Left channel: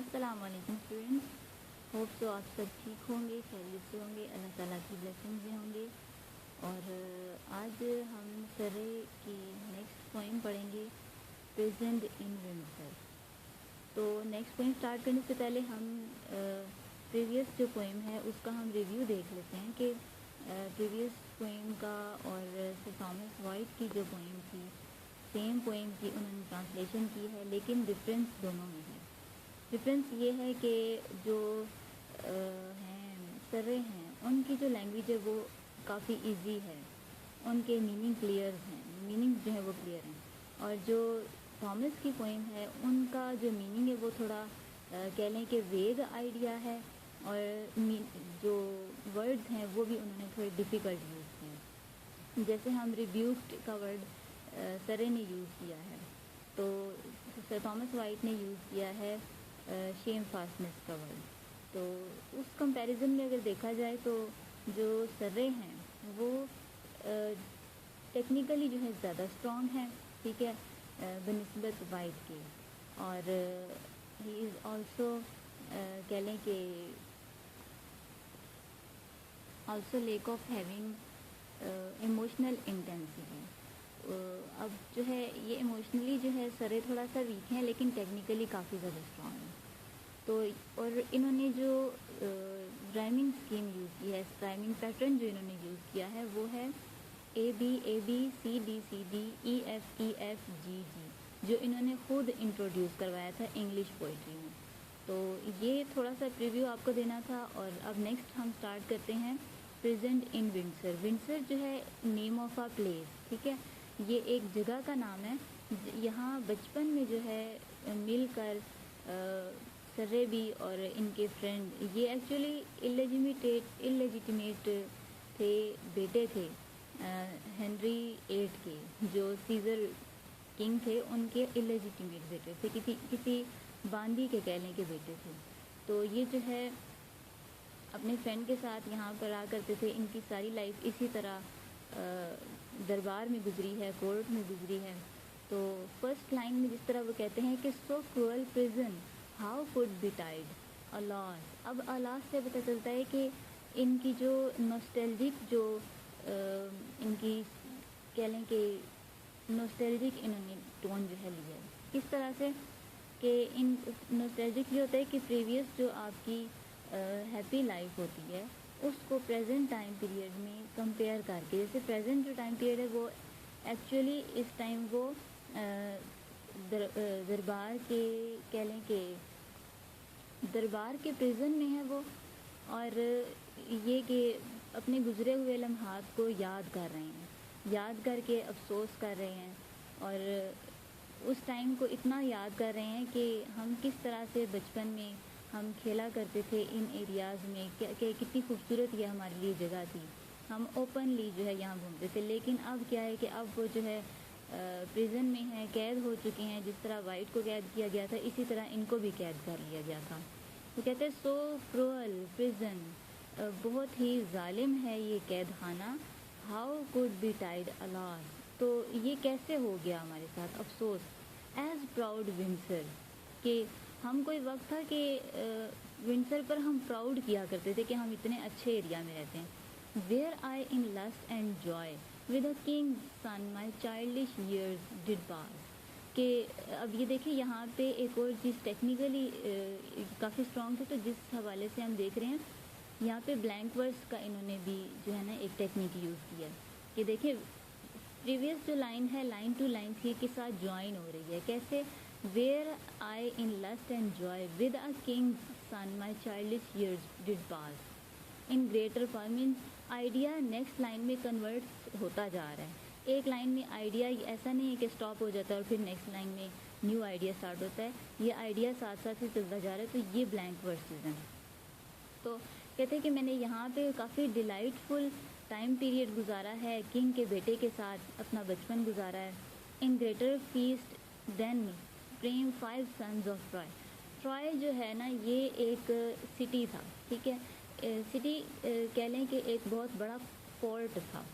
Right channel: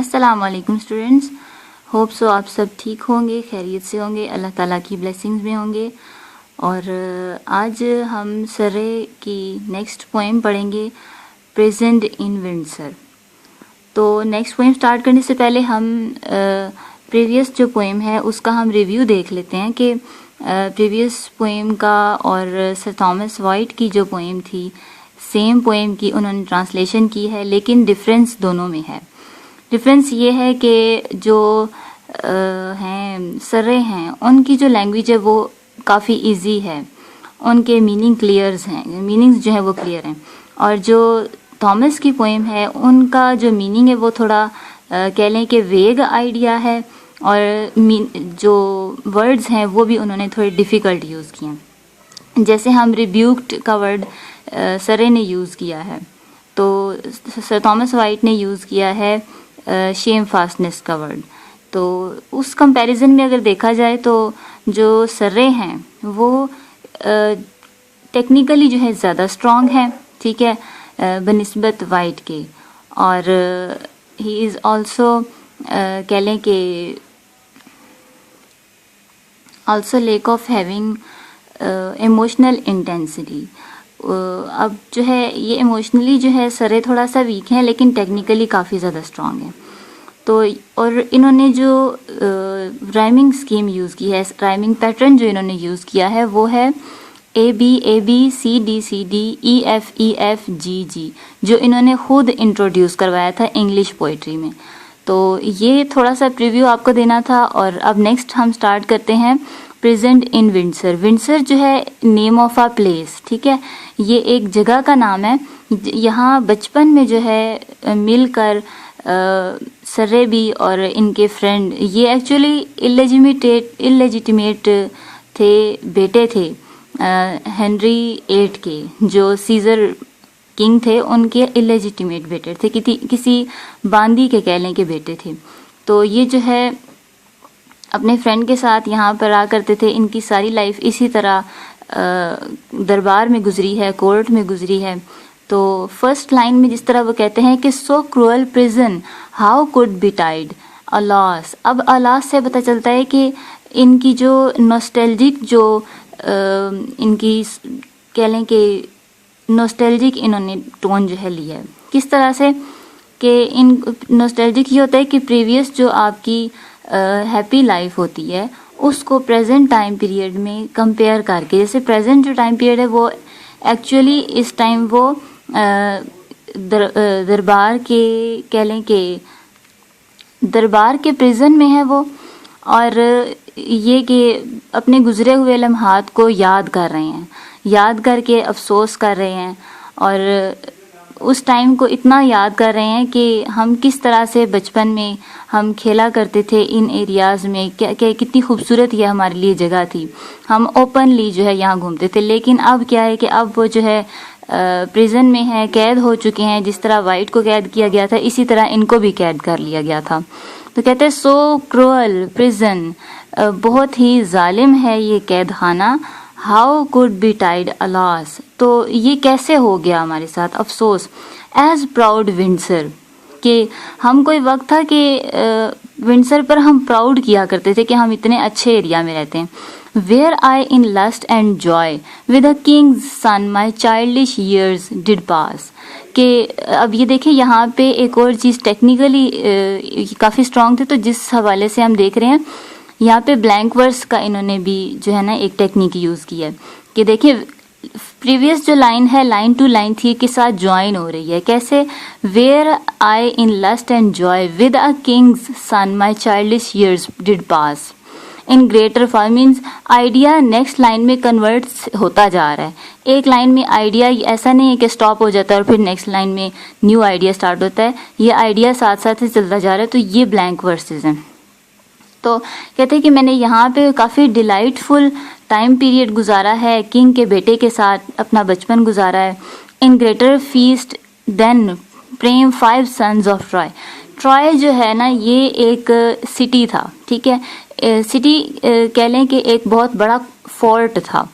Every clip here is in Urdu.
السلام علیکم اسٹوڈنٹس، ہوپ سو آپ سب ٹھیک ہوں گے، خیریت سے ہوں گے، اللہ تعالیٰ کی بلیسنگز میں ہوں گے. اور آج ہم سرے کی نیکسٹ پوئم پڑھیں گے، پریزنٹ ان ونڈسر. تو نیکسٹ پوئم سٹارٹ کرنے سے پہلے ہم پریویس جو پوئم ہے اس کا ہم ریویو دیکھ لیتے ہیں کہ پریویس پوئم کا اور سر تھامس وائٹ کی جو پوئم تھی، سیم پوئم کی انہوں نے ٹرانسلیشن کی ہے، لیکن ڈفرینس دونوں میں ہے. ڈفرینس یہ ہے کہ جو ہیں سرے ہیں ان کی جو لینگویج ہے وہ کافی ایزی ہے، ان کے میننگ کلیئرز ہیں، میننگز جو ہیں وہ کلیئر ہیں. اور جو تھامس کی پوئم ہے ان کا جو میننگ ہے وہ تھوڑا کہہ لیں کہ ویگ آئیڈیا ہے، اور جو ورڈز ہیں وہ بھی انہوں نے تھوڑے ڈیفیکلٹ یوز کیے ہیں. جیسے ہم ریبیوکڈ کا ورڈ سرے نے یوز کیا ہے، تو سر تھامس وائٹ نے یوز کیا ہے شیم فاسٹنس کا ورڈ. تو اس کمپیریزن میں اگر دیکھا جائے تو جو سرے ہیں وہ ٹیکنیکلی جو ہے زیادہ اسٹرانگ ہیں، ٹھیک ہے، بنسبت وائٹ کے. اور ہی از آلسو کہہ لیں کہ also lack of having emotional intensity. اب جو ہے یہ ایموشنلی جو ہے سرے تھوڑا سا ویک ہیں، لیکن ٹیکنیکلی کافی زیادہ اسٹرانگ ہیں. تو اور انہوں نے جو رائمنگ اسکیم یوز کی ہے، رائمنگ پیٹرن جو انہوں نے یوز کیا ہے وہ ہے A B C D E F G, جو انہوں نے خود انٹروڈیوس کروایا تھا انگلش پوئٹری میں. تو یہ تھوڑا سا پریویو آپ کو دینا تھا. اور اب نیکسٹ ہم سٹارٹ کرتے ہیں پریزنٹ ان ونڈسر. ونڈسر جو ہے نیم آف آ پلیس، ٹھیک ہے، یہ ایک جگہ کا نام ہے. یہاں بچپن میں جو ہے مل کر سرے بھی اور ان کے فرینڈ، یہ ایکچولی اللیجیٹیمیٹ تھے، بیٹے تھے ہنری 8 کے، جو سیزر کنگ تھے ان کے اللیجیٹیمیٹ بیٹے تھے، کسی باندی کے کہہ لیں کے بیٹے تھے. تو یہ جو ہے اپنے فرینڈ کے ساتھ یہاں پر آ کرتے تھے. ان کی ساری لائف اسی طرح دربار میں گزری ہے، کورٹ میں گزری ہے. تو فرسٹ لائن میں جس طرح وہ کہتے ہیں کہ so cruel prison how could betide alas. اب الاس سے پتہ چلتا ہے کہ ان کی جو نوسٹیلجک جو ان کی کہہ لیں کہ نوسٹیلجک انہوں نے ٹون جو ہے لیا ہے. کس طرح سے کہ ان نوسٹیلجک یہ ہوتا ہے کہ پریویس جو آپ کی ہیپی لائف ہوتی ہے اس کو پریزنٹ ٹائم پیریڈ میں کمپیئر کر کے، جیسے پریزنٹ جو ٹائم پیریڈ ہے وہ ایکچولی اس ٹائم وہ دربار کے کہہ لیں کہ دربار کے پریزن میں ہے وہ، اور یہ کہ اپنے گزرے ہوئے لمحات کو یاد کر رہے ہیں، یاد کر کے افسوس کر رہے ہیں. اور اس ٹائم کو اتنا یاد کر رہے ہیں کہ ہم کس طرح سے بچپن میں ہم کھیلا کرتے تھے ان ایریاز میں، کہ کتنی خوبصورت یہ ہمارے لیے جگہ تھی، ہم اوپنلی جو ہے یہاں گھومتے تھے. لیکن اب کیا ہے کہ اب وہ جو ہے پریزن میں ہے، قید ہو چکے ہیں. جس طرح وائٹ کو قید کیا گیا تھا اسی طرح ان کو بھی قید کر لیا گیا تھا. تو کہتے ہیں سو کروئل پریزن، بہت ہی ظالم ہے یہ قید خانہ. ہاؤ کوڈ بی ٹائڈ الاس، تو یہ کیسے ہو گیا ہمارے ساتھ، افسوس. ایز پراؤڈ ونڈسر، کہ ہم کوئی وقت تھا کہ ونڈسر پر ہم پراؤڈ کیا کرتے تھے کہ ہم اتنے اچھے ایریا میں رہتے ہیں. Where I in lust and joy with a king's son my childish years did pass. کہ اب یہ دیکھیں یہاں پہ ایک اور چیز ٹیکنیکلی کافی اسٹرانگ تھی، تو جس حوالے سے ہم دیکھ رہے ہیں یہاں پہ بلینک ورس کا انہوں نے بھی جو ہے نا ایک ٹیکنیک یوز کی ہے. کہ دیکھیں پریویس جو لائن ہے لائن ٹو لائن تھی کے ساتھ جوائن ہو رہی ہے. کیسے؟ Where I in lust and joy with a king's son my childish years did pass in greater فار مینس آئیڈیا نیکسٹ لائن میں کنورٹ ہوتا جا رہا ہے. ایک لائن میں آئیڈیا ایسا نہیں ہے کہ سٹاپ ہو جاتا ہے اور پھر نیکسٹ لائن میں نیو آئیڈیا سٹارٹ ہوتا ہے، یہ آئیڈیا ساتھ ساتھ ہی چلتا جا رہا ہے. تو یہ بلینک ورسز ہیں. تو کہتے ہیں کہ میں نے یہاں پہ کافی ڈیلائٹ فل ٹائم پیریڈ گزارا ہے، کنگ کے بیٹے کے ساتھ اپنا بچپن گزارا ہے. In greater fest then Priam 5 sons of Troy. Troy جو ہے نا یہ ایک سٹی تھا، ٹھیک ہے، سٹی کہہ لیں کہ ایک بہت بڑا فورٹ تھا،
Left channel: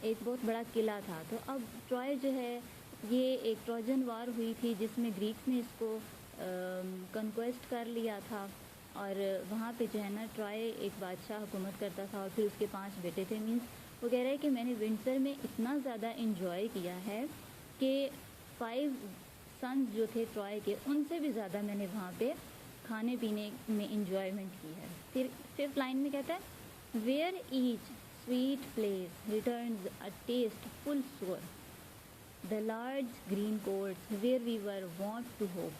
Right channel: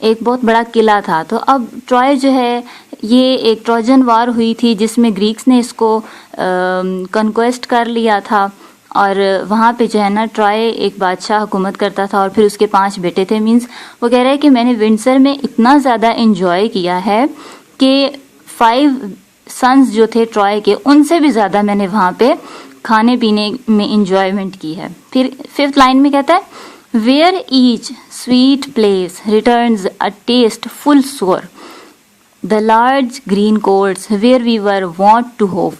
ایک بہت بڑا قلعہ تھا. تو اب ٹرائے جو ہے یہ ایک ٹروجن وار ہوئی تھی جس میں گریکس نے اس کو کنکویسٹ کر لیا تھا، اور وہاں پہ جو ہے نا ٹرائے ایک بادشاہ حکومت کرتا تھا اور پھر اس کے 5 بیٹے تھے. مینس وہ کہہ رہا ہے کہ میں نے ونڈسر میں اتنا زیادہ انجوائے کیا ہے کہ 5 سنز جو تھے ٹرائے کے، ان سے بھی زیادہ میں نے وہاں پہ کھانے پینے میں انجوائمنٹ کی ہے. پھر 5th لائن میں کہتا ہے where each sweet place returns a taste full sour the large green courts where we were wont to hove,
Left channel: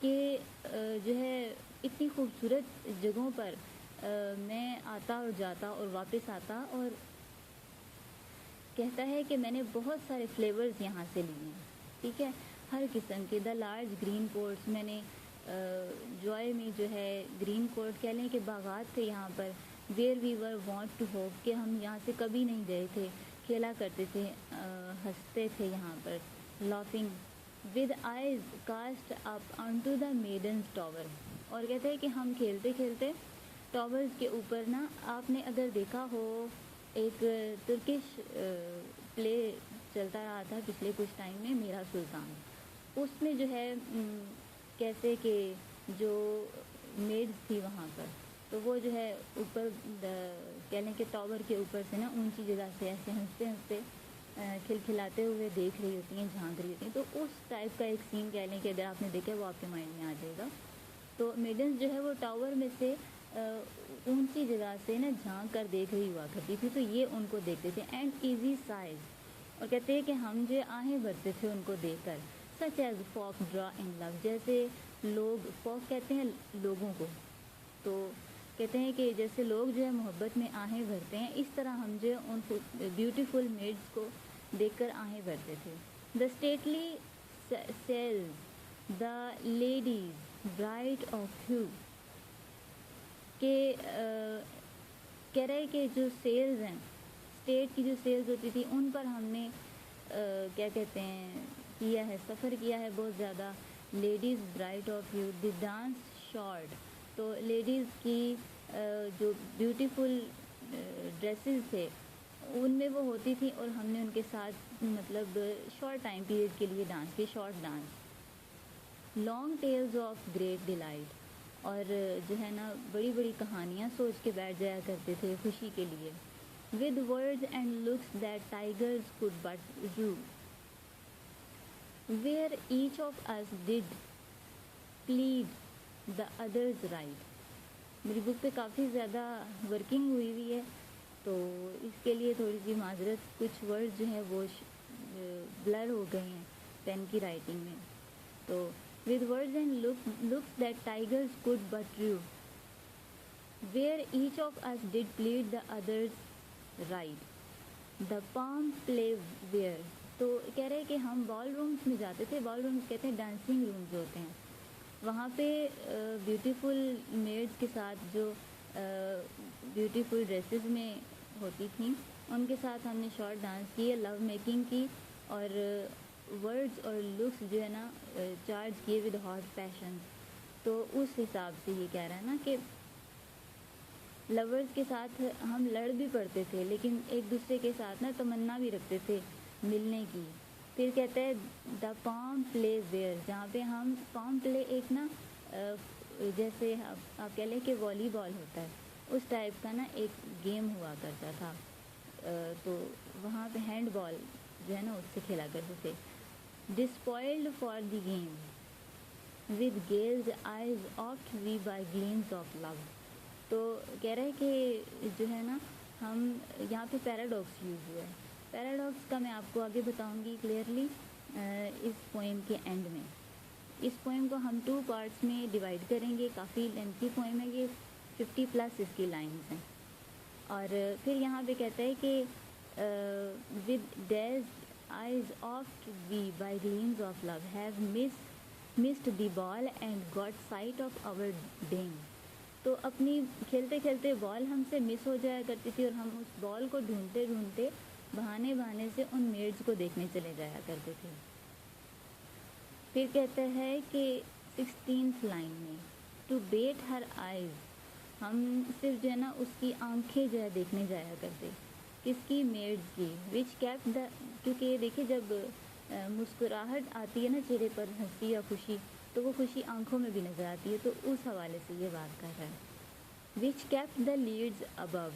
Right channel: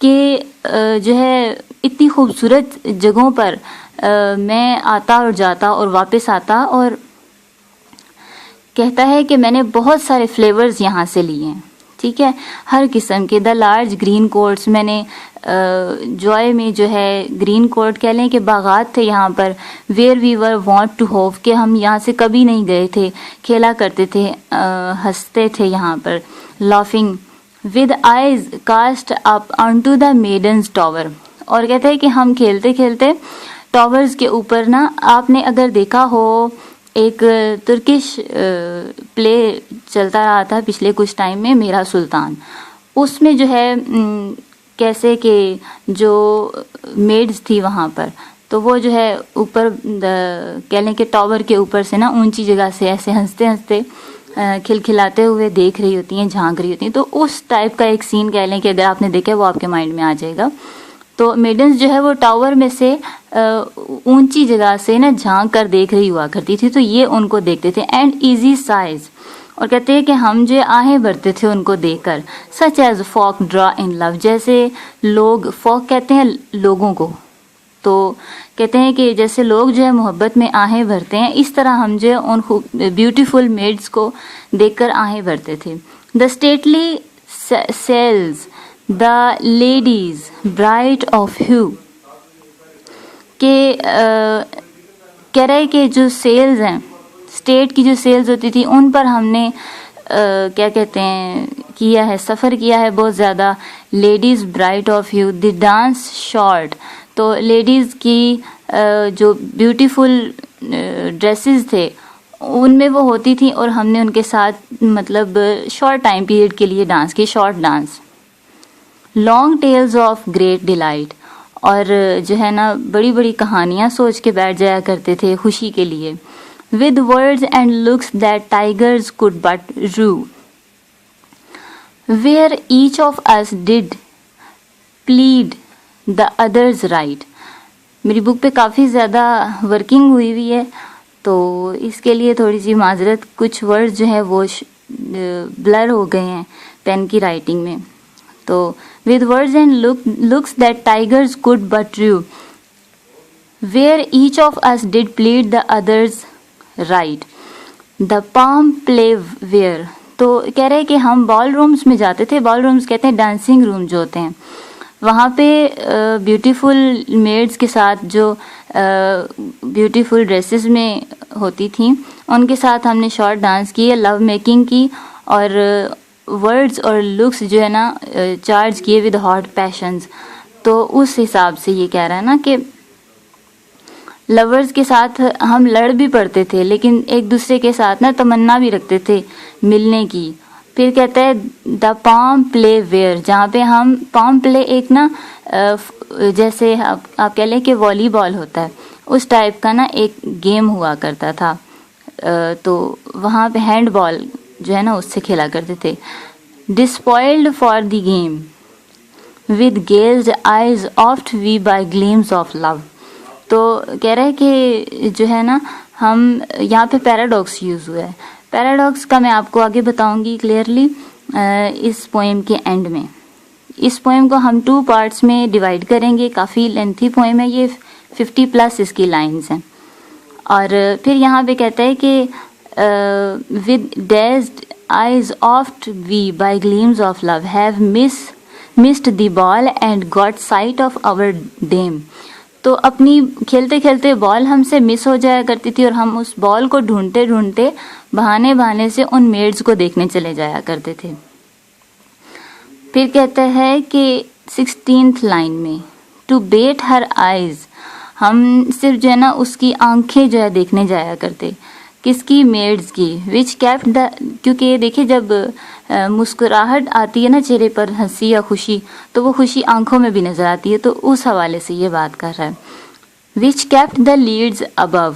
کہ جو ہے اتنی خوبصورت جگہوں پر میں آتا اور جاتا اور واپس آتا، اور کہتا ہے کہ میں نے بہت سارے فلیورز یہاں سے لیے ہیں، ٹھیک ہے، ہر قسم کے. دا لارج گرین کوٹس، میں نے جوائے میں جو ہے گرین کوٹ کہہ لیں کہ باغات تھے یہاں پر. Where we were wont to hove, کہ ہم یہاں سے کبھی نہیں گئے تھے، کھیلا کرتے تھے، ہنستے تھے یہاں پر. Laughing with eyes cast up unto the maidens tower, اور کہتے ہیں کہ ہم کھیلتے کھیلتے ٹاورز کے اوپر نا، آپ نے اگر دیکھا ہو ایک ترکش پلے چلتا رہا تھا پچھلے کچھ ٹائم میں، میرا سلطان، اس میں جو ہے کیسے کہ جو میڈز تھی وہاں پر، تو وہ جو ہے اوپر کہہ لیں کہ ٹاور کے اوپر سے نا اونچی جگہ سے ایسے ہنستے ہنستے کھلکھلاتے ہوئے دیکھ رہی ہوتی ہیں، جھانک رہی ہوتی ہیں. تو اس ٹائپ کا ایک سین کہہ لیں کہ اگر آپ نے دیکھا وہ آپ کے مائنڈ میں آ جائے گا. تو میڈنز جو ہے وہ ٹاور میں سے اونچی جگہ سے نا جھانک کر دیکھ رہی ہوا کرتی تھی، تو یہ ان کو دیکھتے تھے. اینڈ ایزی سائز، اور کہتے ہیں کہ ہم جو آہیں بھرتے تھے ان کو دیکھ کر. سچ ایز فاک ڈرا ان لو، جیسے لوگ، فاک کہتے ہیں لوگوں کو، تو کہتے ہیں کہ جیسے لوگ جو ہے محبت میں آہیں بھرتے ہیں، اس طرح ہم جو ہے ان بیوٹیفل میڈز کو دیکھ کر آہیں بھرتے تھے. The stately sales the ladies bright of hue, کہ کہہ رہے کہ جو سیلز ہیں، اسٹیٹ کی جو سیلز ہوتی تھی ان پر ہم نے کیا کہتے ہیں کیا ہے، سفر کیا ہے بہت زیادہ. Ladies bright of you, the dance short, تو لیڈیز کی جو بیوٹیفل ڈریسز تھے ان میں وہ ہوتی تھیں، اور ہم نے ان کے ساتھ مطلب شارٹ ٹائم پیریڈ کے لیے ڈانس کی، short dance. Long tells of great delight, اور جو ہے نا بڑی بڑی کہانیاں سوچ کے بیٹھ جایا کرتے تھے خوشی کے لیے. with words and looks that tigers could but rue, where each of us did plead the other's right. میری بک پہ کافی زیادہ ورکنگ ہوئی ہوئی ہے، تو اس کے لیے تھوڑی سی معذرت، کچھ ورڈ جو ہیں وہ بلر ہو گئے ہیں پین کی رائٹنگ میں. تو with words and looks that tigers could but rue, where each of us did plead the other's right, the palm play where. تو کہہ رہے کہ ہم بال رومز میں جاتے تھے، بال رومز کہتے ہیں ڈانسنگ روم جو ہوتے ہیں، وہاں پہ بیوٹیفل میڈز کے ساتھ جو بیوٹیفل ڈریسز میں ہوتی تھیں ان کے ساتھ ہم نے شارٹ ڈانس کی، لو میکنگ کی، اور ورڈز اور لکس جو ہے نا چارج کیے ود ہاٹ پیشنز. تو اس حساب سے یہ کہہ رہا ہے نا کہ لورز کے ساتھ ہم لڑ بھی پڑتے تھے، لیکن ایک دوسرے کے ساتھ نا تمنا بھی رکھتے تھے ملنے کی. پھر کہتا ہے دا پام پلے ویئر، جہاں پہ ہم پام پلے ایک نا جیسے آپ کہہ لیں کہ والی بال ہوتا ہے اس ٹائپ کا نا ایک گیم ہوا کرتا تھا، تو وہاں پہ ہینڈ بال جو ہے نا اس سے کھیلا کرتے تھے. Despoiled for the game with gazed eyes oft we by gleams of love. تو کہہ رہے کہ جو ہے نا ہم یہاں پہ پیراڈاکس یوز ہوا ہے. پیراڈاکس کا میں آپ کو آگے بتاؤں گی کلیئرلی اس پوئم کے اینڈ میں. اس پوئم کو ہم 2 پارٹس میں ڈیوائڈ کریں گے، کافی لینتھی پوئم ہے یہ، 50+ اس کی لائنز ہیں. اور پھر یہاں پہ کہتا ہے کہ with dazed eyes oft we by gleams of love have missed the ball and got sight of our dame. تو اپنی کھیلتے کھیلتے بال ہم سے مس ہو جایا کرتی تھی، اور ہم اس بال کو ڈھونڈتے ڈھونڈتے بہانے سے ان میڈز کو دیکھنے چلے جایا کرتے تھے. پھر کہتا ہے کہ 16th لائن میں ٹو بیٹ ہر آئیز، ہم صرف جو ہے نا اس کی آنکھیں جو ہے دیکھنے جایا کرتے. کس کی؟ میڈز کی. وچ کیپٹ دا، کیونکہ دیکھیں جب مسکراہٹ آتی ہے نا چہرے پر، ہنسی یا خوشی، تو وہ خوشی آنکھوں میں بھی نظر آتی ہے، تو اس حوالے سے یہ بات کر رہا ہے. Which kept the leads above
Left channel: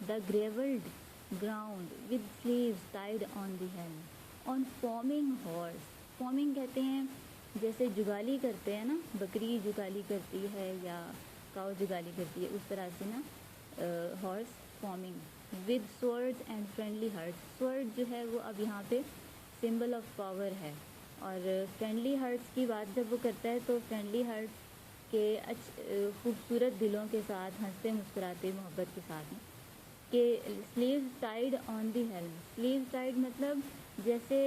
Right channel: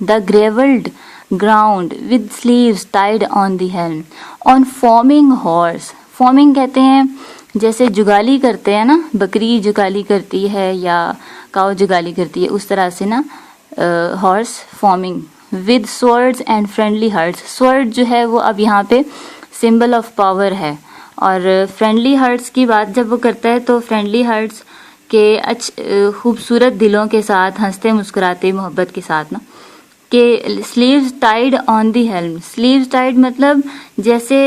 the graveled ground with sleeves tied on the helm on farming horse. Farming کہتے ہیں جیسے جگالی کرتے ہیں نا، بکری جگالی کرتی ہے یا کاؤ جگالی کرتی ہے، اس طرح سے نا horse farming. With swords and friendly hearts. Sword جو ہے وہ اب یہاں پہ سمبل آف پاور ہے، اور فرینڈلی ہارٹس کی بات جب وہ کرتا ہے تو فرینڈلی ہارٹس کے خوبصورت دلوں کے ساتھ، ہنستے مسکراتے محبت کے ساتھ نا. کہ sleeves tied on the helm. Sleeves tied مطلب جیسے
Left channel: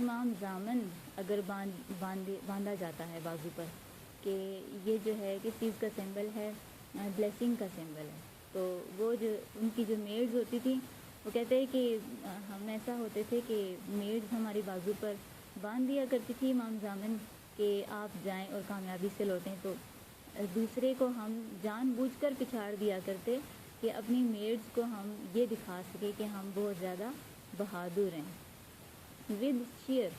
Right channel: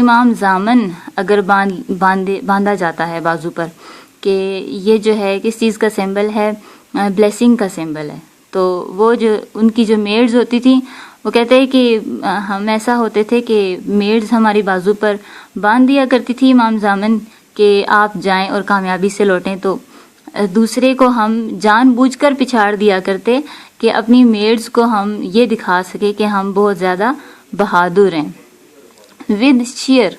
امام زامن اگر باندھا جاتا ہے بازو پر، کہ یہ جو ہے کس چیز کا سمبل ہے؟ بلیسنگ کا سمبل ہے. تو وہ جو ان کی جو میڈز ہوتی تھیں وہ کہتے ہیں کہ ہم ایسا ہوتے تھے کہ میڈز ہماری بازو پر باندھ دیا کرتی تھی امام زامن کہ آپ جائیں اور کامیابی سے لوٹیں. تو دوسرے کو ہم جان بوجھ کر پچھاڑ دیا کرتے کہ اپنی میڈز کو ہم یہ دکھا سکے کہ ہم بہت زیادہ بہادر ہیں. With sheer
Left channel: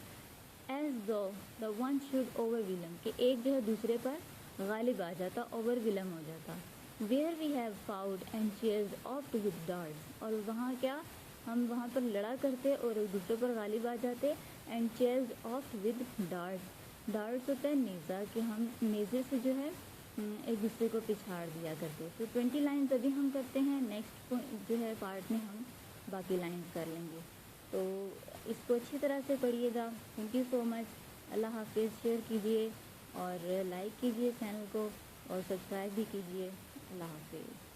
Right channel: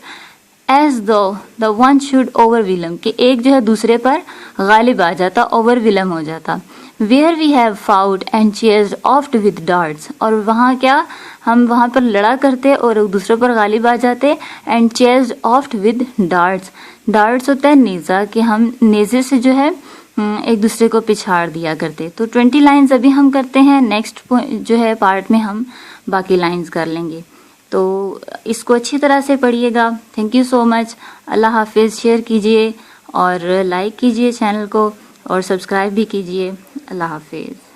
ease though the one should overwhelm, کہ ایک جو ہے دوسرے پر غالب آ جاتا، اوور ویلم ہو جاتا. Where we have fought and چیئرز آفٹ ود ڈارٹس، اور وہاں کیا ہم وہاں پر لڑا کرتے اور ایک دوسرے پر غالب آ جاتے. اینڈ چیئرز آفٹ ود ڈارٹس. ڈارٹس ہوتا ہے نیزہ، کہ ہم نیزے سے جو ہے ایک دوسرے کو پچھاڑ دیا کرتے. تو 20 لائنز ابھی ہم کرتے ہیں، نیکسٹ جو ہے پارٹ میں ہم باقی لائنز کر لیں گے. تو اس کو اچھی طرح سے پڑھیے گا. تھینک یو سو مچ. اللہ حافظ. شیئر کیجئے اور لائک کیجئے چینل کو اور سبسکرائب بھی کیجئے. اللہ حافظ.